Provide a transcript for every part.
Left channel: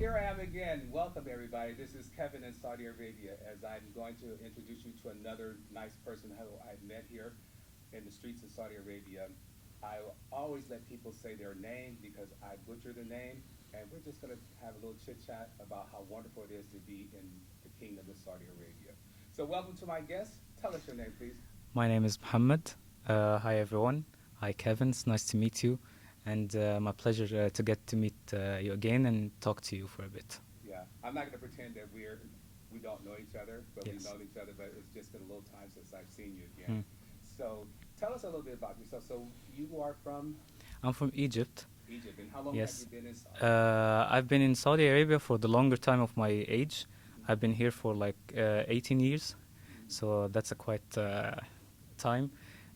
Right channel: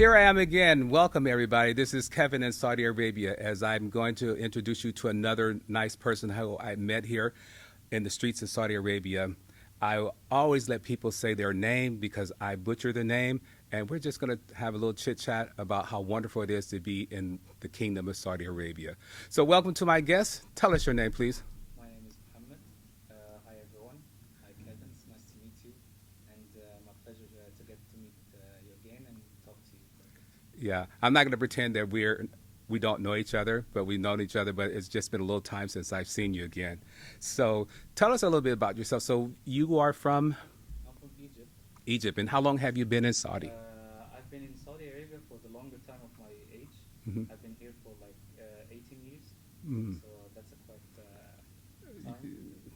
Here I am again. Welcome, everybody. This is Kevin in Saudi Arabia, as I'm going to introduce you to another nice person who I met here in the streets of Saudi Arabia. I always let people say their name because I butcher the name, and we're just going to have a little chit chat about how wonderful it is to be in the Kingdom of Saudi Arabia. So, welcome to my guest. Tell us your name, please. My name is Mohammed. Hi, everyone. Hi, Kevin. It's nice to meet you. And my pleasure to get to meet you again and talk to you for a bit. Yeah, I'm not going to pretend that we don't know each other, but we've Yes. known each other. But it's just been a little time since I've seen you again. Mm. So tell us a little bit about yourself. So you are from I'm from Egypt. Egypt, and how long have you Yes. been in Saudi? I've been in Saudi Arabia for the longer time of my age. Mhm. I've been here for like 18 years. Mm. So that's a quite time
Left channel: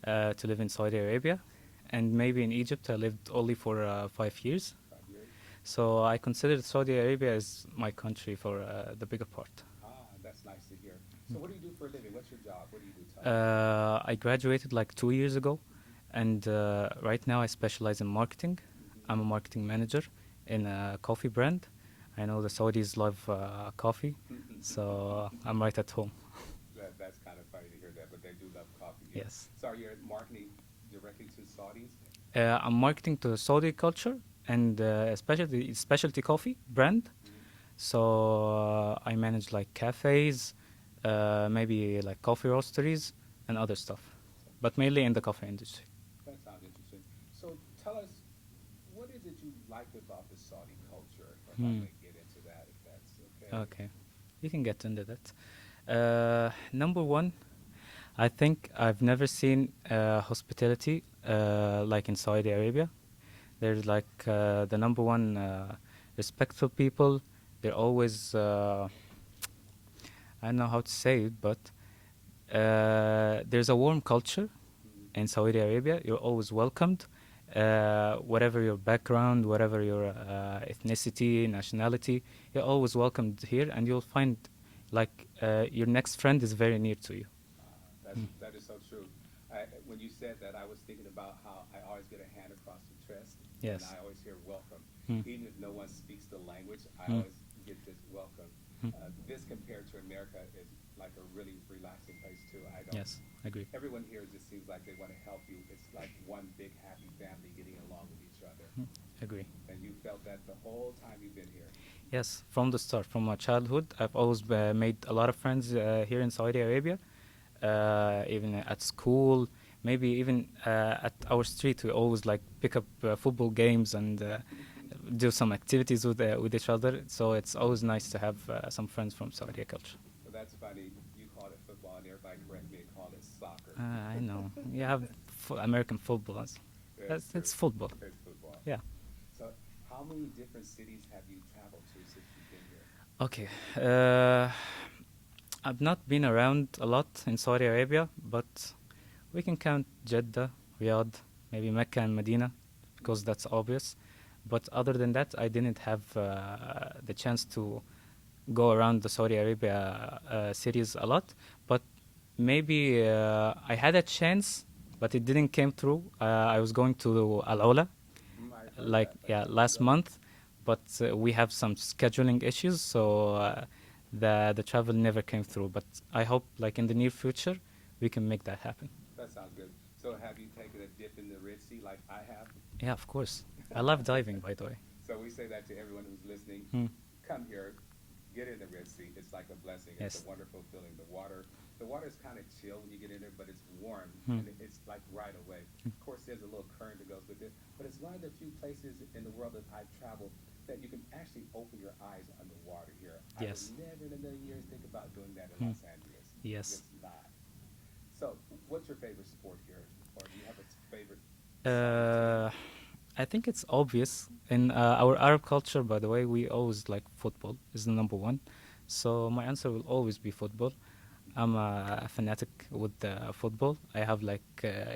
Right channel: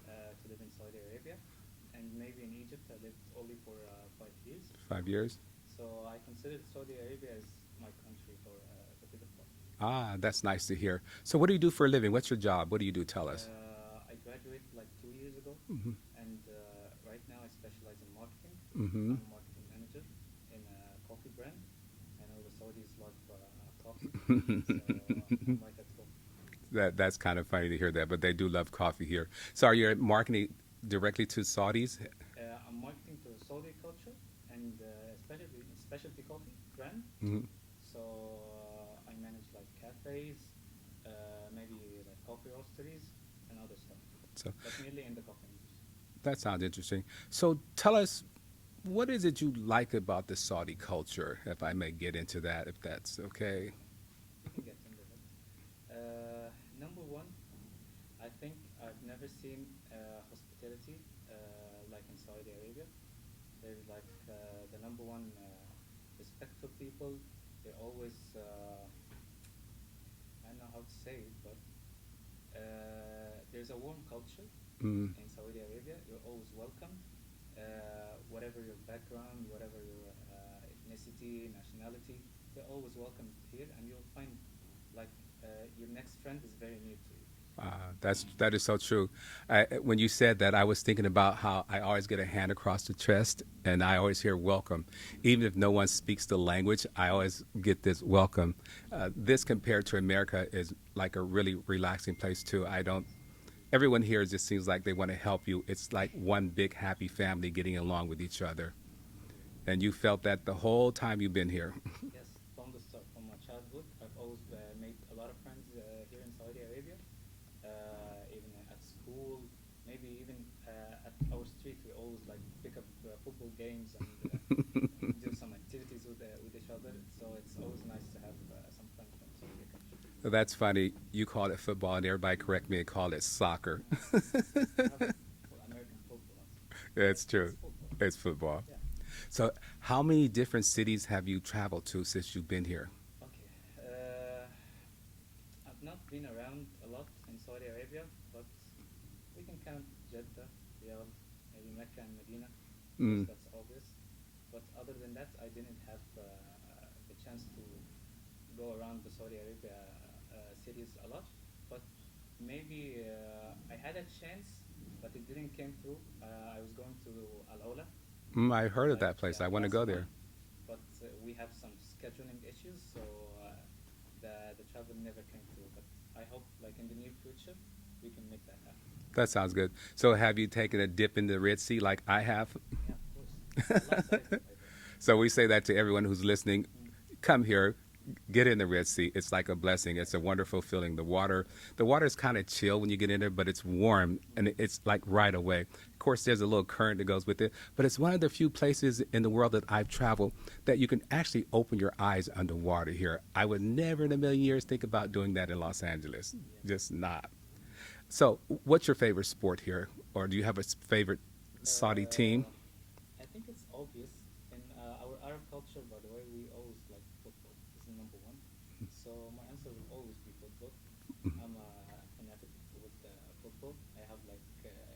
to live in Saudi Arabia. And maybe in Egypt, I lived only for 5 years. 5 years. So I consider Saudi Arabia as my country for the bigger part. Ah, that's nice to hear. So what do you do for a living? What's your job? What do you do? Tell us. I graduated like 2 years ago, Mm-hmm. and right now I specialize in marketing. Mm-hmm. I'm a marketing manager in a coffee brand. I know the Saudis love coffee, so I'm right at home. That's kind of funny to hear that, but they do love coffee here. Yes. So are you marketing directly to Saudis? I'm marketing to the Saudi culture and specialty coffee brand. Mm-hmm. So I manage like cafes, maybe like coffee roasteries and other stuff, So but mainly in the coffee industry. that sounds interesting. So tell us, what is it you like about the Saudi culture? If I Hmm. may get into that, if that's okay. Okay, you can get into that. Number one, I think I've never seen hospitality like in Saudi Arabia. There's like the number one respectful people. They're always I don't know how to say it, but there's a warm culture Mm. in Saudi Arabia. You're always welcomed, whatever your background, whatever your ethnicity, nationality. You're always welcomed here, and you'll find like your next friend is very near to you. That is so true. When you said that, I was thinking about how I always get a hand across the chest, and Yes. I always hear welcome, Mm. even if no one speaks the language. I Mm. always get this welcome. Mm. This compared to America is like a really relaxing place too. I don't. Yes, agree. Everyone here just seems like they want to help you. It's like one big happy family getting along with each other, Mm. Agree. and you felt that the whole time you've been here. Yes, from the start, from my childhood, I've always made a lot of friends here in Saudi Arabia, even at school, maybe even at our street. We always like pick up football games and do some activities with each other. So it's always nice to have some friends from Saudi culture. That's funny. You call it football, and everybody correct me and call it soccer. I know. You have American football. It's true. It's football. It's football. Yeah. So, how many different cities have you traveled to since you've been here? Okay. I've not been around a lot in Saudi Arabia, but we can count Jeddah, Riyadh, maybe Mecca and Medina, because Mm. that's obvious. But other than that, I didn't have the chance to go around the Saudi Arabia cities a lot. But maybe I had a chance, but it didn't came through. I was going to Al Ola, I heard like of that place. yeah, I want last to go month, but we have some scheduling issues, so the travel never came through. But I hope like in the near future we can make that happen. there. That sounds good. So, have you taken a dip in the Red Sea like I have? Yeah, of course. I love diving, by the way. So, we say that to everyone who's listening. Hmm. Come here, get in the Red Sea. It's like a blessing. It's a Yes. wonderful feeling. The water is kind of chill when you get in there, but it's warm Hmm. and it's like right away. Of course, there's a little current that goes with it, but it's one of the few places in the world that I've traveled that you can actually open your eyes underwater here. I would Yes. never in a million years think about doing that in Hmm. Los Angeles. Yes. Just not. So, what's your favorite sport here? Or do you have a favorite Saudi team? I think it's obvious in our Arab culture. By the way, we always like football is the number one. So my answer will always be football. I'm a fanatic with football. I have like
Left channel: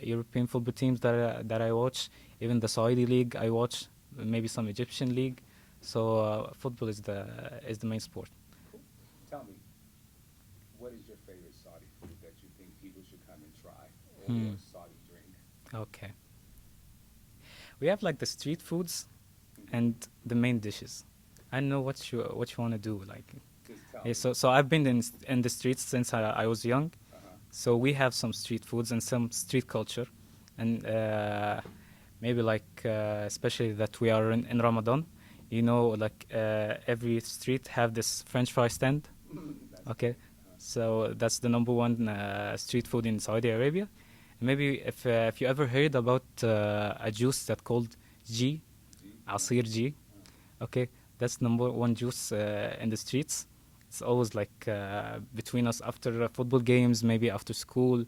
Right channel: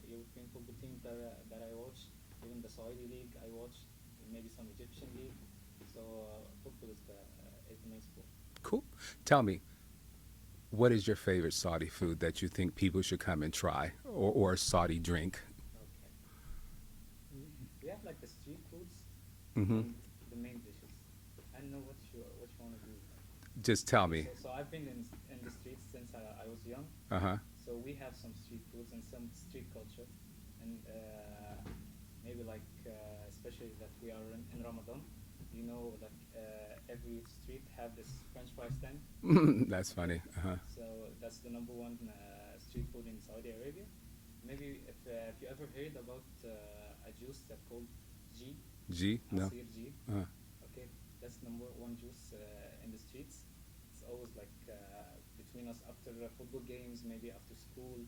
European football teams that I watch. Even the Saudi league I watch. Maybe some Egyptian league. So football is the main sport. Cool. Tell me, what is your favorite Saudi food that you think people should come and try, or Saudi drink? Okay. We have like the street foods Mhm. and the main dishes. I know what you want to do. Like, Just tell yeah, me. so I've been in the streets since I was young. Uh-huh. So we have some street foods and some street culture, and maybe like especially that we are in Ramadan. You know, like every street have this French fry stand. That's Okay. funny. Uh-huh. So that's the number one street food in Saudi Arabia. Maybe if you ever heard about a juice that called G, G? No? Asir G. Uh-huh. Okay, that's number one juice in the streets. It's always like between us after football games, maybe after school,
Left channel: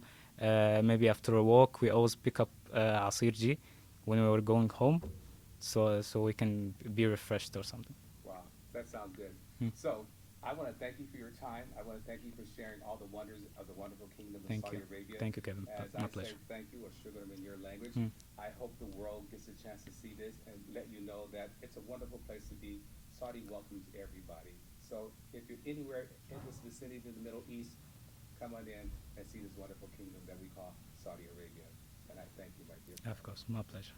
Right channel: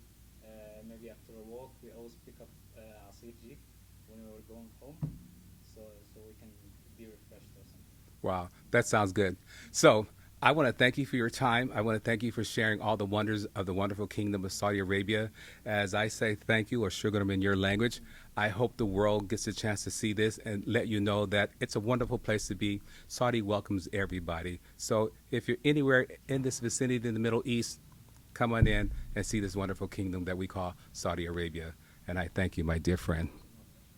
maybe after a walk. We always pick up Asir G when we were going home, so we can be refreshed or something. Wow, that sounds good. Mm. So I want to thank you for your time. I want to thank you for sharing all the wonders of the wonderful kingdom of Thank Saudi you. Arabia. Thank you, Kevin. As My I say pleasure. thank you or shugaram in your language, Mm. I hope the world gets a chance to see this and let you know that it's a wonderful place to be. Saudi welcomes everybody. So if you're anywhere in this vicinity in the Middle East, come on in and see this wonderful kingdom that we call Saudi Arabia. And I thank you, my dear friend. Of course, my pleasure.